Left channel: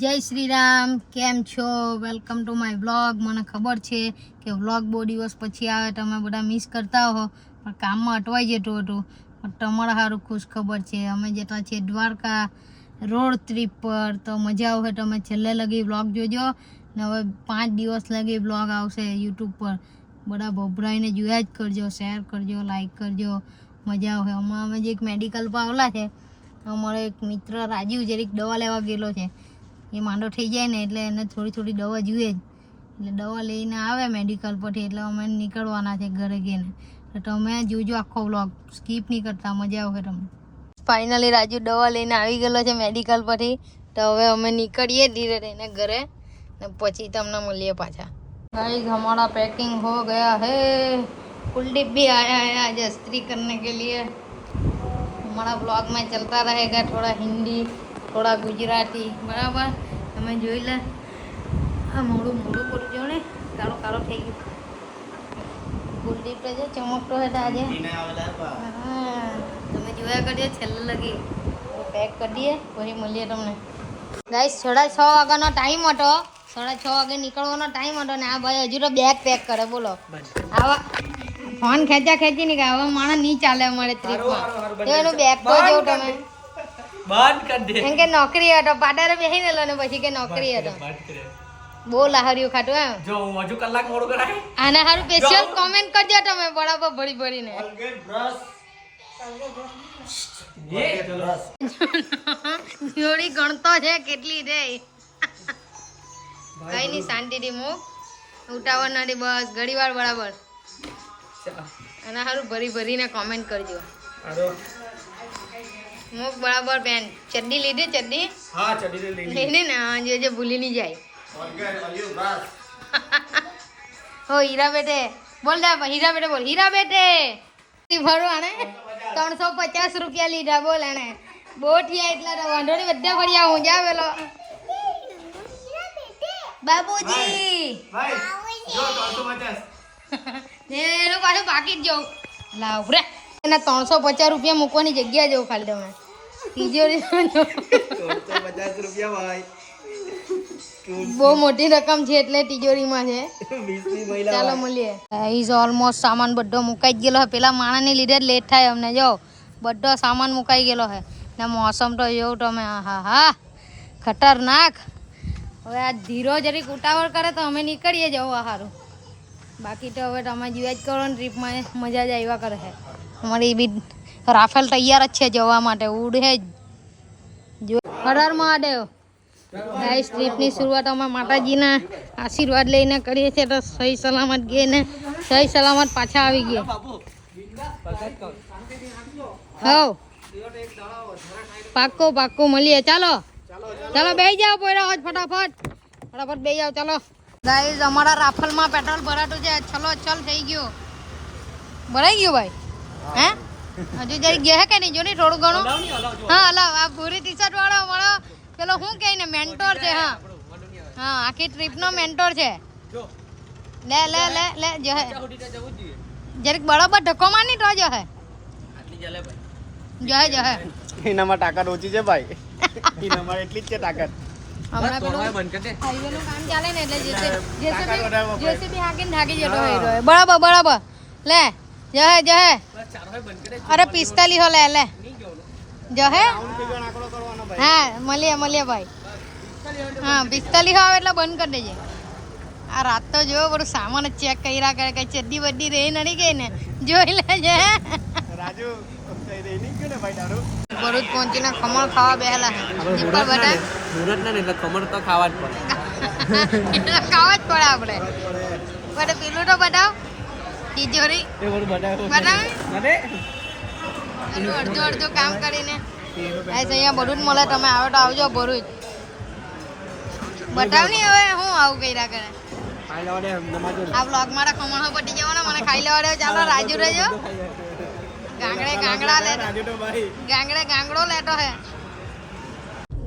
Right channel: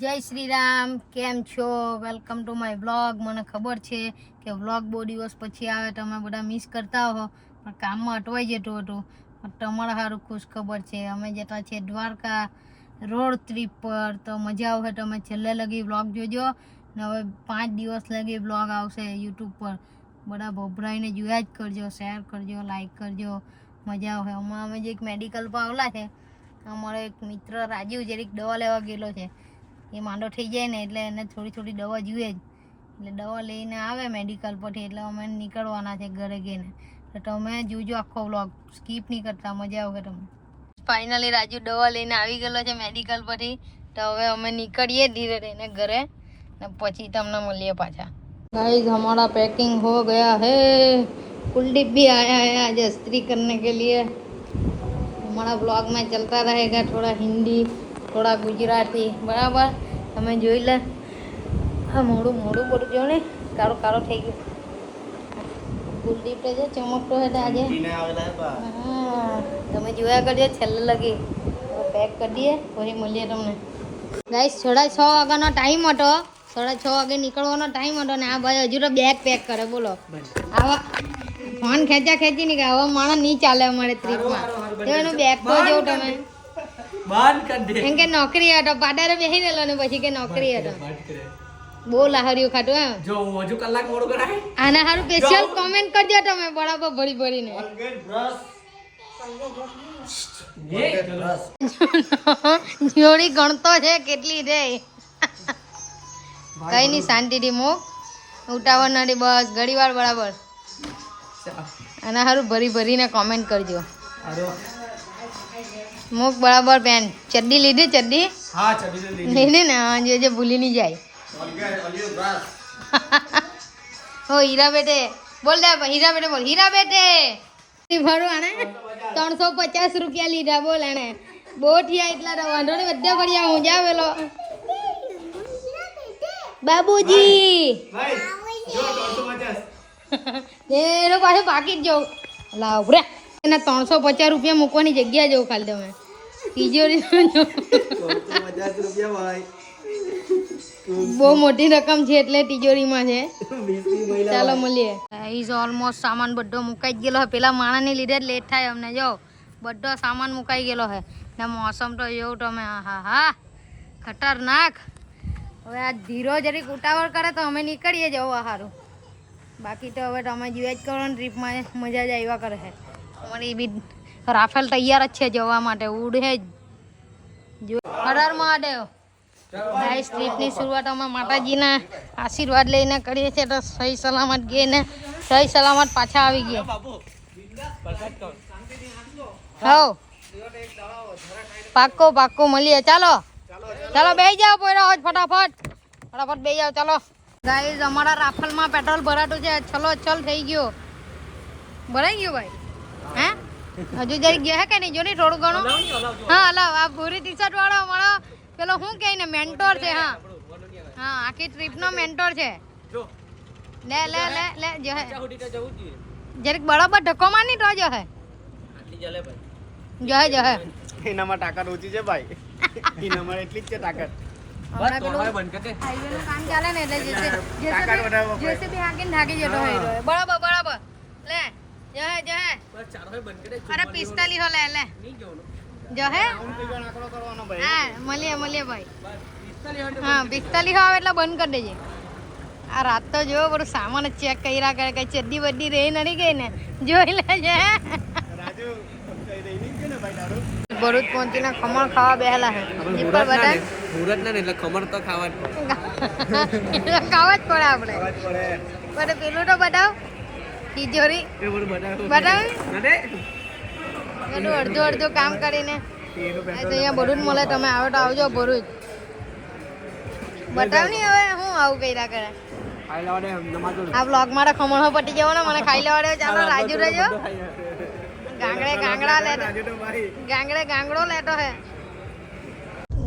જય શ્રી રામ, કેમ છો? Welcome to my vlog. મને ખબર છે કે વ્લોગ બહુ દિવસ પછી આવે, તમે બધા મિસ કરતા હો, પણ કામમાં અટવાઈ જતું હતું. પણ તમારા સારું ખુશ ખબર છે, અમે જતા છીએ દ્વારકા રોડ ટ્રીપ પર. તો મજા આવશે, તમે છેલ્લે લગી વ્લોગ જોજો. ને હવે 5 દિવસ લગી વ્લોગ આવશે યુટ્યુબ પર. બધા ભભરાઈને જોયા જ કરજો, શેર કરજો, લાઈક કરજો, મજા આવશે. હમણાં અમે જે એક મેડિકલ પર આવેલા છે, અમારો એક મિત્ર રાજીવ જરીક દવા લેવા ગયેલો છે. એ માંડો થઈ જાય ને એટલે એને થોડી થોડી દવા જોઈએ જ, એટલે દવા લઈને આવે મેડિકલ પરથી, એટલે અમે નીકળવાના છે ઘરે ગઈને. તો તમે જોજો આખો વ્લોગ, સ્કીપ નહીં કરતા, મજા આવશે તમને. ફાઇનલી રાજુ દવા લઈને આવી ગયેલો છે મેડિકલ પરથી. તો હવે અમે નીકળીએ ધીરે રહીને ઘરે, ને પછી તમને મળીએ પાછા. गाइस हमारा पैकिंग हो गया है, कुलदीप भी आया है आज स्त्री करने के लिए. हमारा ब्लॉग में चलता रहेगा थोड़ा हिंदी, થોડા ગુજરાતી, બરાબર? તમે જોઈ લે. આ મોડું મોડું પડું જો ને, કાળો કાળો થઈ ગયો. ગુડ્ડી જે ચમકતો હતો આજે. હા, તમે જોયા કરજો છેલ્લે લગી. પેક કરી દઈએ, પછી મળીએ તમને. ગાઈસ 6:30 વાગ્યાનો ટાઈમ હતો, 6:30 વાગે નીકળવાનો ટાઈમ હતો ને આ ભાઈ હજુ તો બેગ પેક કરે. બોલો, આવા ફોન ખેંચા ખેંચી નહીં કે આવા માણસ નહીં ચાલે અમારે ટ્રીપમાં. એનું બેગ તો જો તમે બંધ કરી દે. એમ કે નોકરી હતો, પાડારે બેસી રહેલો ને પછી કે નોકરી હતો. બહુ લાહરીઓ ખાતું હે. જો હજુ કલાક મોડું કરાય. આના હારું સ્પેશિયલ કોમેન્ટ કરજો તમે, બરાબર ભરી ભરીને. જોડી ગણતો છે કેટલી રે. કઈ નહીં, શાંતિથી મૂક, ઉતાવળ નથી, બસ ઘડી વાર બરાબર. આના હારું ભરી ભરીને કોમેન્ટ કરજો. મુક બરાબર. પેન ચડ્ડી લીધી? ચડ્ડી હા, ચડ્ડી લીધી ને. હા, જે ભૂલી નહીં જાય. હો હીરા બેટે બોલ દે, હીરા બેટે બોલ, હીરા બેટે ભરો. આને 350 રૂપિયા લીધા, બોલ. આને બહુ થયા એટલા તો વાંધો નહીં, બધા કર્યા. હું જાવેલો બાબુજી એનો પાછો પાકીટ જવું લાવ રે. એના 350 રૂપિયા મૂકવાની જગ્યા જવું ખાલી તમે તિજોરી. 350 રૂપિયા ભાઈ બહુ મોટી રકમ છે એટલે તિજોરીમાં છે. ચાલો મળીએ. ઇઝ ઓલમોસ્ટ સામાન બધો મુકાઈ ગયેલો છે. પેલા માણસને લીધે જ લેટ થાય અમને. જો બધો સામાન મુકાઈ ગયેલો છે ને મોસમ તો જોઉં તમે, હા હા ખતરનાક. હવે આ ધીરો જરીક ઉતાવળ કરે તો અમે નીકળીએ જવા સારું. બાકી તો હવે તમે જોયા જ કરો ને, ટ્રીપમાં મજા જ આવ્યા કરે છે. અમારી બી રાફેલ તૈયાર જ છે જવા માટે, ઉડે જ. જો હર મહાદેવ. ગાઈસ ટ્રીપની શરૂઆત અમે માતાજીના આશીર્વાદ લઈને કરીએ છીએ, તો સહી સલામત ગઈએ ને સહી સલામત પાછા આવી ગયા. હવ પાક્કો પાક્કો મળીએ. ચાલો ચાલો બેસી જાઓ, પોયરા ફટાફટ ફટાફટ બેસી જાઓ. ચાલો ગાઈસ અમારા રાફેલમાં પેટ્રોલ ભરાતું છે. ચલો ચલ થઈ ગયો, ભરાઈ ગયું ભાઈ. હે હજુ જરી ગયા હે કે નહીં? જો ને થોડું ઘણું. હા હલાવ. આ ભૂરી ટી શર્ટ વાળો અમારો પેલો શું કહે ને, મેન્ટોર છે. હા હા, આખી ટ્રીપનો મેન્ટોર છે. લે લે લે લે જો હે જરીક બરાબર ધક્કો મારની તો જો હે જો હે એનામાં તાકાત ઓછી છે ભાઈ. એનામાં એટલી જ છે તાકાત. હમણાં પેલું હાઈવેનું કામ ચાલે ને એટલે જેસીબી હાકીને ઢાકી જતો હોય. બરાબર બરાબર. લે જો હે અરે 45 હો. લે લે જો હે. હા મળીએ ભાઈ. હા 45 આવે એટલે બંધ કરી દેજે. આ રાત તો જો બધું સામાન જ ચેક કર્યા કરે, કઈ ચડ્ડી બડ્ડી રહી નથી ગઈ ને, જોઈ લેજે. ભરૂચ પહોંચીને ખમણ ખાવા બેહેલા હે. દીપા બધા મુરત ને એટલે ખમણ તો ખાવા જ પડે. ખાવા જ પડે આપણે. બટ પેલું તો બતાવ તિજોરી બતાવ. બધું અડધું અડધું કામ કરીને અહીંયા ભરૂચ મળે. તમે આવો તો આવજો ભરૂચ. બતાવ નહીં હવે હું આવું કર્યા કરે. આ બ્લોગ મારા ખમણો પટી જવાનો, મને ખાઈ લેવા દો. ચાલો રાજુ રહેજો. ગાંગડો લેતો હે.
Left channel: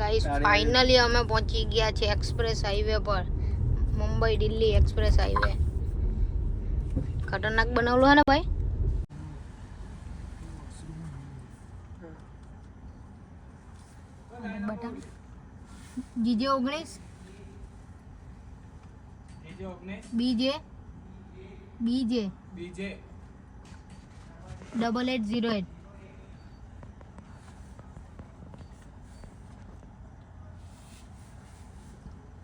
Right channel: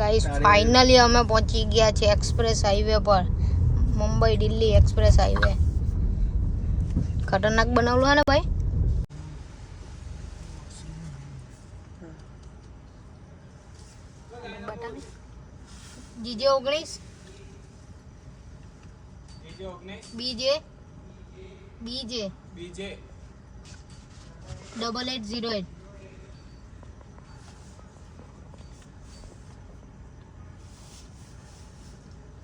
ગાઈસ ફાઇનલી અમે પહોંચી ગયા છે એક્સપ્રેસ હાઈવે પર, મુંબઈ દિલ્હી એક્સપ્રેસ હાઈવે. ખતરનાક બનાવલું હે ને ભાઈ. જીજે 19 બીજે 8808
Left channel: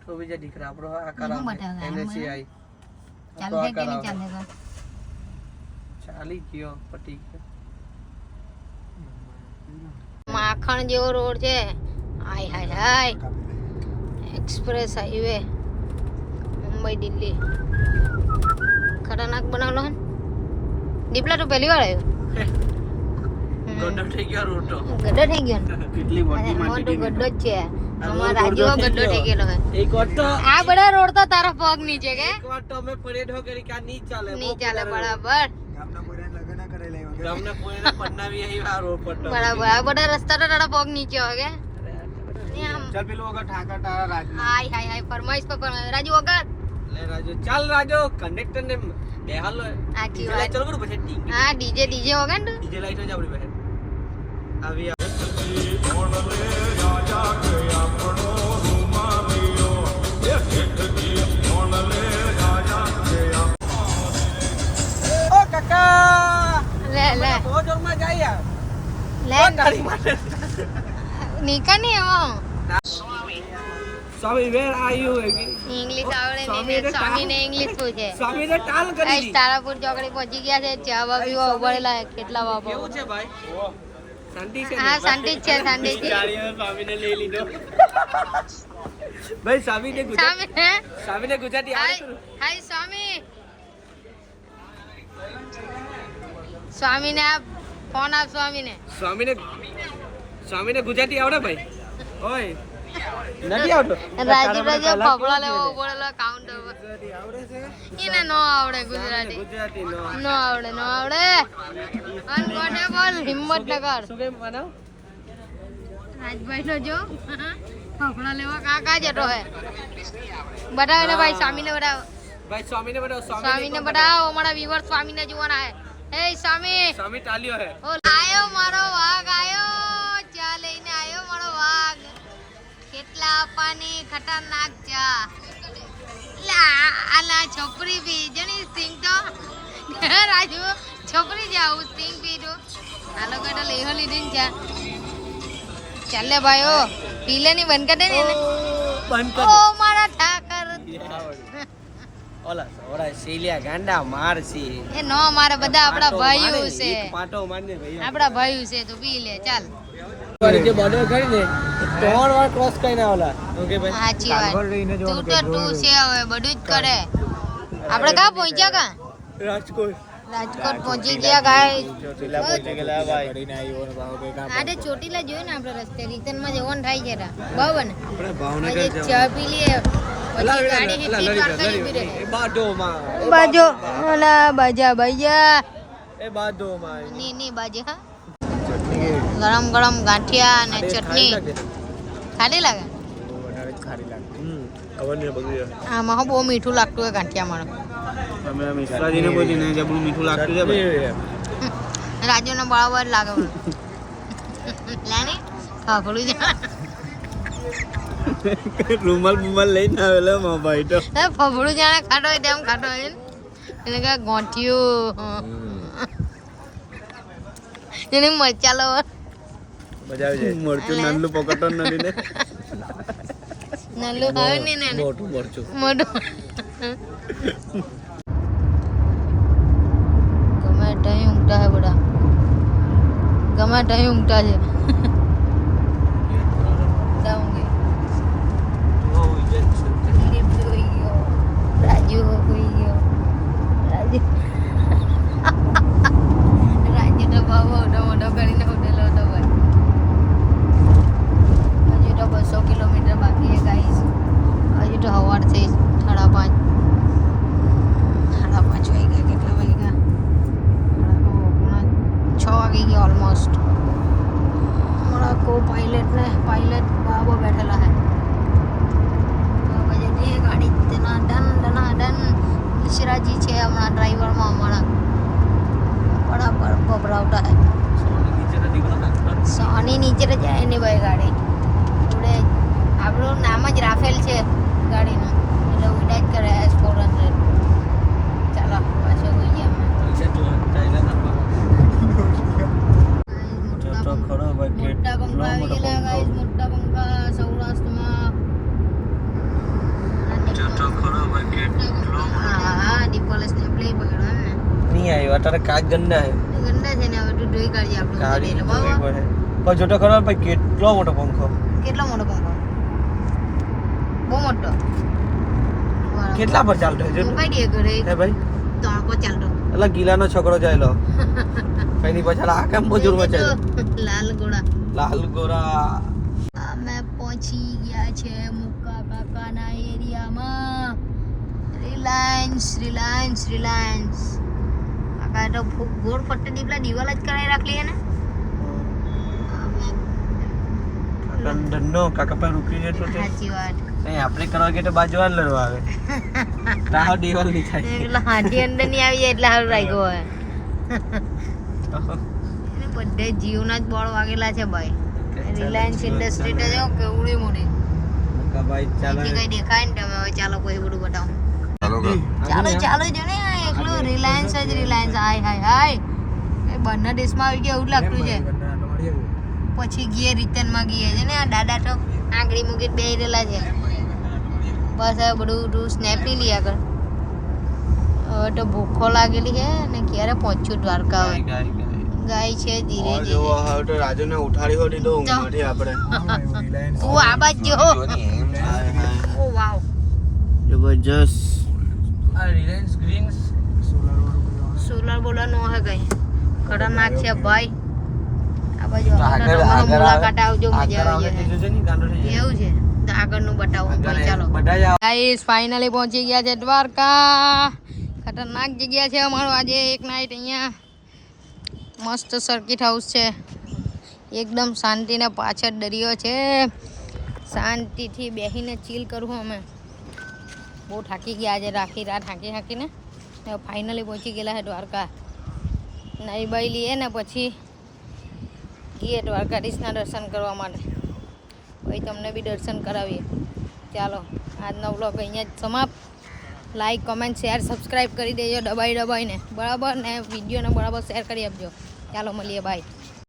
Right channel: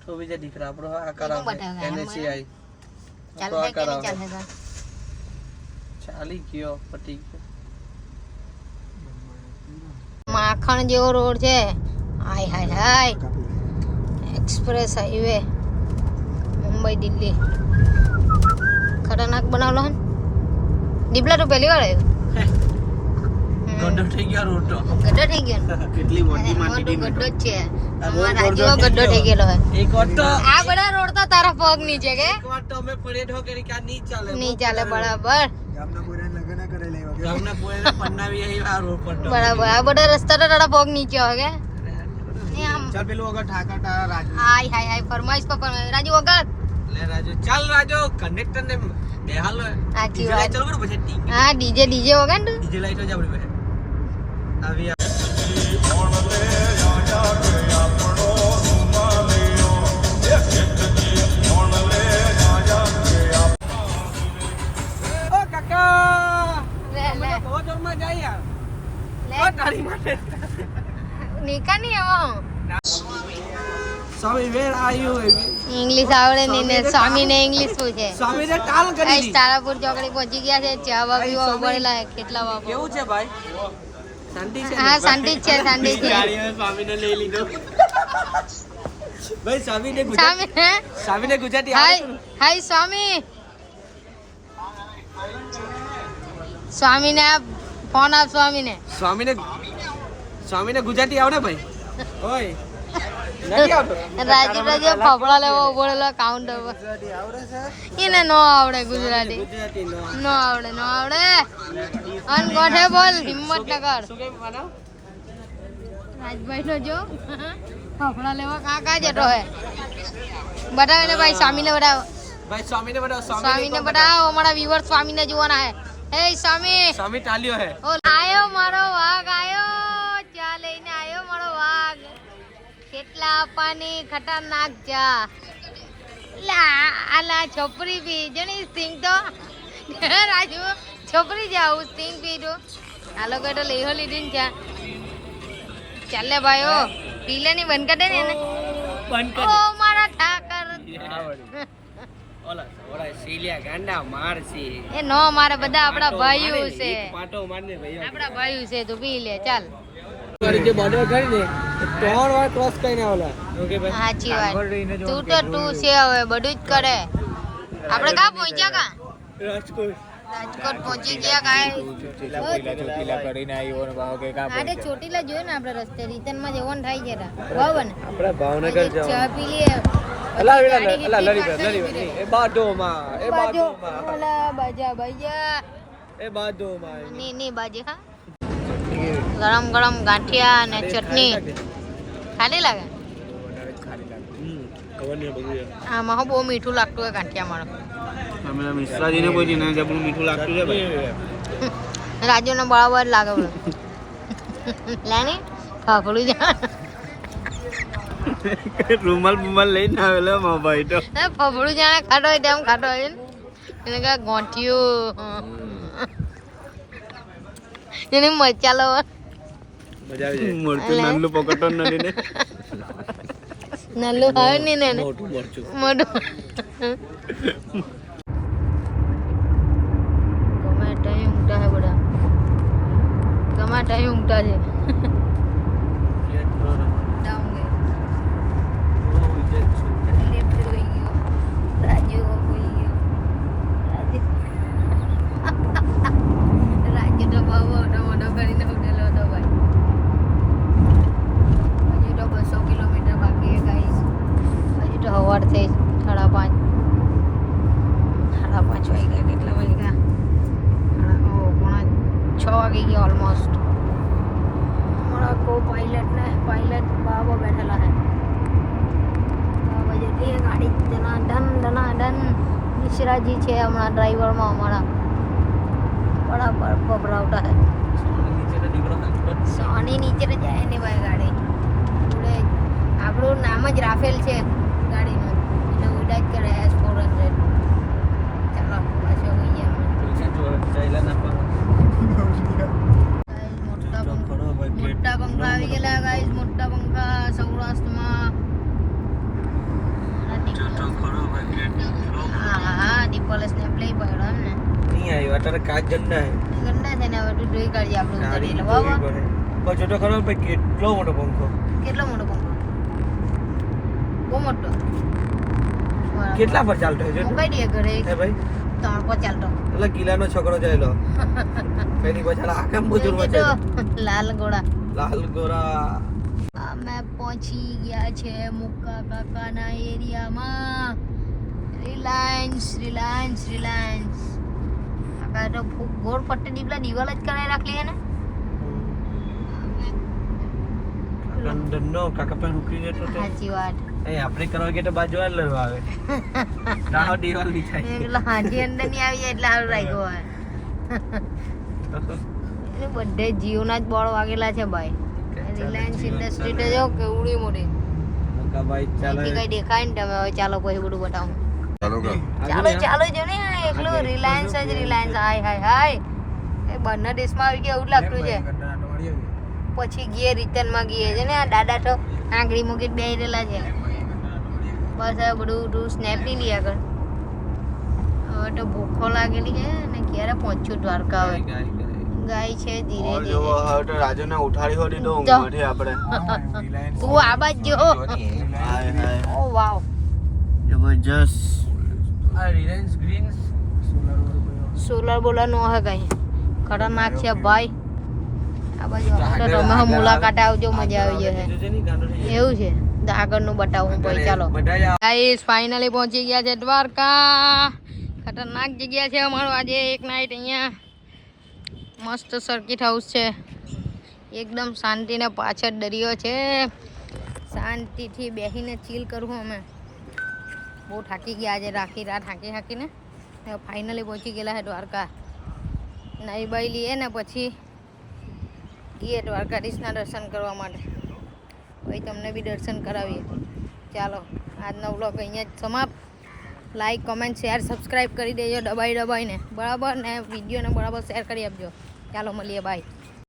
તો બીજા દીકરા આપણો આ એમાં કરાવે બતાવે, NSCI ચાલશે કે નહીં ચાલશે ચાલી ગયો પટી ગયો માખણ જેવો રોડ છે હાય હાય હાય એક્સપ્રેસ હાઈવે મુંબઈ દિલ્હી ખતરનાક બનાવલો હે દીપલા તો પહેલી વાર આવ્યો ગંડો થઈ ગયો રોડ તો ગड्ढो થઈ ગયો કેટલી મોટી અમાર તો માટી ગड्ढो જ છે અમાર રાજ્યો ગड्ढो થઈ ગયેલો હે એક વાર તો આ બધા રોડ તો તારા પગ નીચે કે એક વાર તો અમે પડ્યો ઢો કરી કે આ નહીં ચાલે નહીં ચાલે બરાબર ગામના કોઈને લગન કરે લેવા ગામના કોઈને પન્નાવી આ રોડ પર તો બરાબર આ બધા રસ્તા તો તારા પગ નીચે હોય કે એ આમ ચાલ પેલું વગર ઠાકર તારા રાજ હાય હાય હાય ફરમાઈશ પર ફરમાઈશ રાજુ વગર લે રાજુ ચાલ રાજુ કંડક્ટર ને બેહાલ સાચી વાત. ચાલ બરો પછી ટીંગ હા ડીજે વગર ને ડીજે લાઈટ જ આપણી પાસે આવી ઓ કાકા લે લે બહુ જોરમાં જાય યાર લે ઓ તારી માટે નીકળ નહીં આવો સ્વામી વેર આર યુ ઇંગ્લિશ આવડે નહીં ને સ્વામીને ઇંગ્લિશ પૂછે સ્વામી ને કાલ કરી ગાઈસ તારાપુર ચોકડી પહોંચી ગયા છે ચા બા પીવા ઉભરેલા છે કેટલા બાપો કેવું છે ભાઈ શાંતિ છે હા શાંતિ જ છે શાંતિ છે સ્વામીને લઈ લીધો ભાઈ સ્વામીને સ્વામી હે? સ્વામીને ગુજરાતી હાય હાય સ્વામી સ્વામીને આપ ફોન આપ સ્વામીને સ્વામીને ગુજરાતી આવડે ભાઈ ઓય નથી આવડતું રાજુ ફફડા લેવો ઉભરેલો કાઉન્ટર પર આવડે છે એને નો આવડે ગુજરાતી ગુજરાતી નો નો આવડે અનકોઠેબલ હિંમતનગર શું કેમ માનવ રાજભાઈ નો જો ફફડા લેવા કાકા જતો હે બતાવે ને ભાઈ સ્વામીને બતાવો ભાઈ સ્વામીને બતાવો સ્વામીને બતાવો અમારા વ્યુઅર સ્વામીને જોવાના હે હે સ્વામી સ્વામી તાલ્યો હે ઓ આયો મારો વાઘ આયો ચા લઈને આયો મારો વાઘ કેટલા આપવાની ખતરનાક ચા લા આલા છોપરી પી જણી સિંગ તો રાજુ છોપરી જાવ સિંગ પીધો આ લોકો તો લેહો લીધી ને ચા ચાલે ભાઈ ઓ પીલે ની બંધ કરી દે ને એને. બંધ ઓ મારા ઠાકર ઓલા ઓલા સીલિયા ગાંડા મારસી એ નો મારે બધા આપણા ભાઈઓ છે પાટો મારને ભાઈ આપણા ભાઈઓ છે તું પી લે ચાલ વાળી જે બોર્ડર કરી ને 3 વાર ક્રોસ કરીને આવલા ઓકે ભાઈ સાચી વાત તું તો તું છે હવે બધું જ કરે આપણે ક્યાં પહોંચ્યા કા રાજકોટ રાજકોટ પહોંચી ગયા ગાય કરીને આવ્યો ને ભાવ કે કામ આડે ચોટીલા જોયું ને આપણે રસ્તે રિટર્ન માં જવાનું થાય છે બરાબર ને આપણે ભાવનગર આજે ચા પી લઈએ પછી ગાડી જેટલી પાર્કિંગ ઊભી રહે એ બાજોમાં બાજો અને બાજા એ બાજોમાં ની બાજુ હા ગરમ ગરમ ગાંઠિયા અને ચટણી ખાલી લાગે ખબર નહીં બધું આમાં હો બહુ મીઠું લાગતું હોય ગાંઠિયા મારો મિશ્રાજીને કોઈ ને જબરું મીઠું લાગતું છે ભાઈ રાજુને બરાબર લાગે બોલો લેની ફાફડું જા રૂમાલ બુમાલ લઈને આવેલો મા ભાઈ તો ફફડું જાણે ખાટો હોય તેમ ખાટો હોય ને એને કા ગોંઠિયું એને મચાલો મજા આવી જાય મરચું નાનું પકડતો નથી ને નલ્લું હોય ને એને મોટું મરચું મોટું ગમે ટાઈમ ઊંઘતા હે બધા ગમે ટાઈમ ઊંઘતા છે રાજુ હોઈ ગયો રાજુ તો બહુ મોટો કરીને ઉઠેલો હતો ભાઈ હજુ તો 200 કિલોમીટર બાકી છે ગાઈસ હજુ તો સવાર થઈ 5:30 વાગી ગયા કેટલા વાગ્યા 6 વાગી ગયા ઓલમોસ્ટ હમણાં કો પાયલટ બાબા બેઠેલા હે બાબા જતી હે ગાડી ધનાધન મિશ્રાજી છે હમણાં ડ્રાઈવરમાં અમારા બરાબર ભભરાવતા હે સોની નીચે તો જાય નહીં ભાઈ ગાડી જોડે આપણું નામ જ રાફેલ છે ગાડીનું, એટલે ઉડા જ કરે S400. ચાલો પાછો હોઈ ગયા અમે. મોટા પંખા આવી ગયેલા ગાઈસ, મોટા પંખા સૌરાષ્ટ્રમાં. હા ડીપલ સ્નેપ લઈ પડ્યો એમ ને. નહીં આવ્યો તારે કાચ ગંદા હે. ગંદા છે ને, હવે તું ધોઈ કાઢજે આપણે ઉતારીએ એટલે બરાબર. જોટો ખરો ભાઈ, કેટલો મોટો પંખો. કેટલો મોટો પંખો? બહુ મોટો. કેટલા પર ચાલતો છે મુકાઈ દે ઘરે હે ભાઈ? 3 પર ચાલતો. એટલે ગીલાનો છોકરો ચાલ્યો કઈ નહીં પાછળ આખા મજૂરમાં ચાલ્યો. લાલ ગોળા. લાલ ગોરા. અમે પહોંચી ગયા છે મુક્કા કાકાના એરિયામાં. રિલાયન્સ. કાકા તો ગોળ ફટ્ટે દીપલા દિવાલ જ કરાવી રાખલી હે ને. લંડનનો કાકા પર રૂકી ગયો તો સાચી વાત. અહીં આપણે કરવા ગયા તો બાજુવાળ લડવા આવે કાહો દિવાલ ની થાય એટલે હાથી અંદર ની આવી જાય એટલે સારું રાખ્યો હોય. બધે જીઓના જ બોર્ડ વાગેલા છે ભાઈ. રિલાયન્સ ઇન્ડસ્ટ્રી તો જો કેવડી મોટી. ભાઈ અહીંથી કઈ દેખાય ને તમે હવે ચાલો કોઈ બધું બતાવું. ચાલો જો ને આ એકલું રિલાયન્સ જ રિલાયન્સ. હાય એ બહારના દેશમાં આવી ગયા એવું જ લાગતું છે. પછી ગયે રિટર્નમાં ગયે છે ને આ દાદા તો આંગળી મૂકી બેહી રહેલા છે. બસ હવે બધું તું સ્નેપ નહીં લઈ આગળ. હવે તો ભૂખો લાગેલી છે ને ક્યારે પહોંચ્યું દ્વારકા. હવે ગાય છે ધીરે ધીરે. રાજુને ઉઠાડી હોડી તો ઊંઘાડી આપણે તું આ બાજ જો. ઓ વાવ જબરજસ્ત. આ રિલાયન્સ ગ્રીન સોલર બોલર નો હે કઈ ખતરનાક છે ભાઈ. આ બાજુ તમે મુલાકાતે આવજો, મજા આવી જશે. એવું છે તો આગળનું બતાવું ભાઈ. ચાલો ગાઈસ ફાઇનલી પહોંચી ગયા છે દ્વારકા. ખતરનાક જગ્યા છે અમારું આજે એક નાઈટ અહીંયા. મસ્ત સર્કિટ હાઉસ છે એકદમ શાંતિને પાછળ દરિયો છે. શાંતિથી બેસીને ચીલ કરવું. અમે બહુ થાકી ગયા આજે રાત હાંકીને ફાઇનલી પહોંચી ગયેલા છે દ્વારકા. નાઈ બાઈ લઈએ ને પછી ગઈએ દ્વારકાધીશના દર્શન કરવા માટે. ભાઈ તમને બી દર્શન કરાવીએ. ચાલો આજનો વ્લોગ અહીંયા જ સમાપ્ત. લાઈક કમેન્ટ શેર સબસ્ક્રાઈબ કરી દેજો દબાઈને બરાબર ને. વિડીયોને બરાબર શેર કરી આપજો. ચાલો મળીએ, બાય.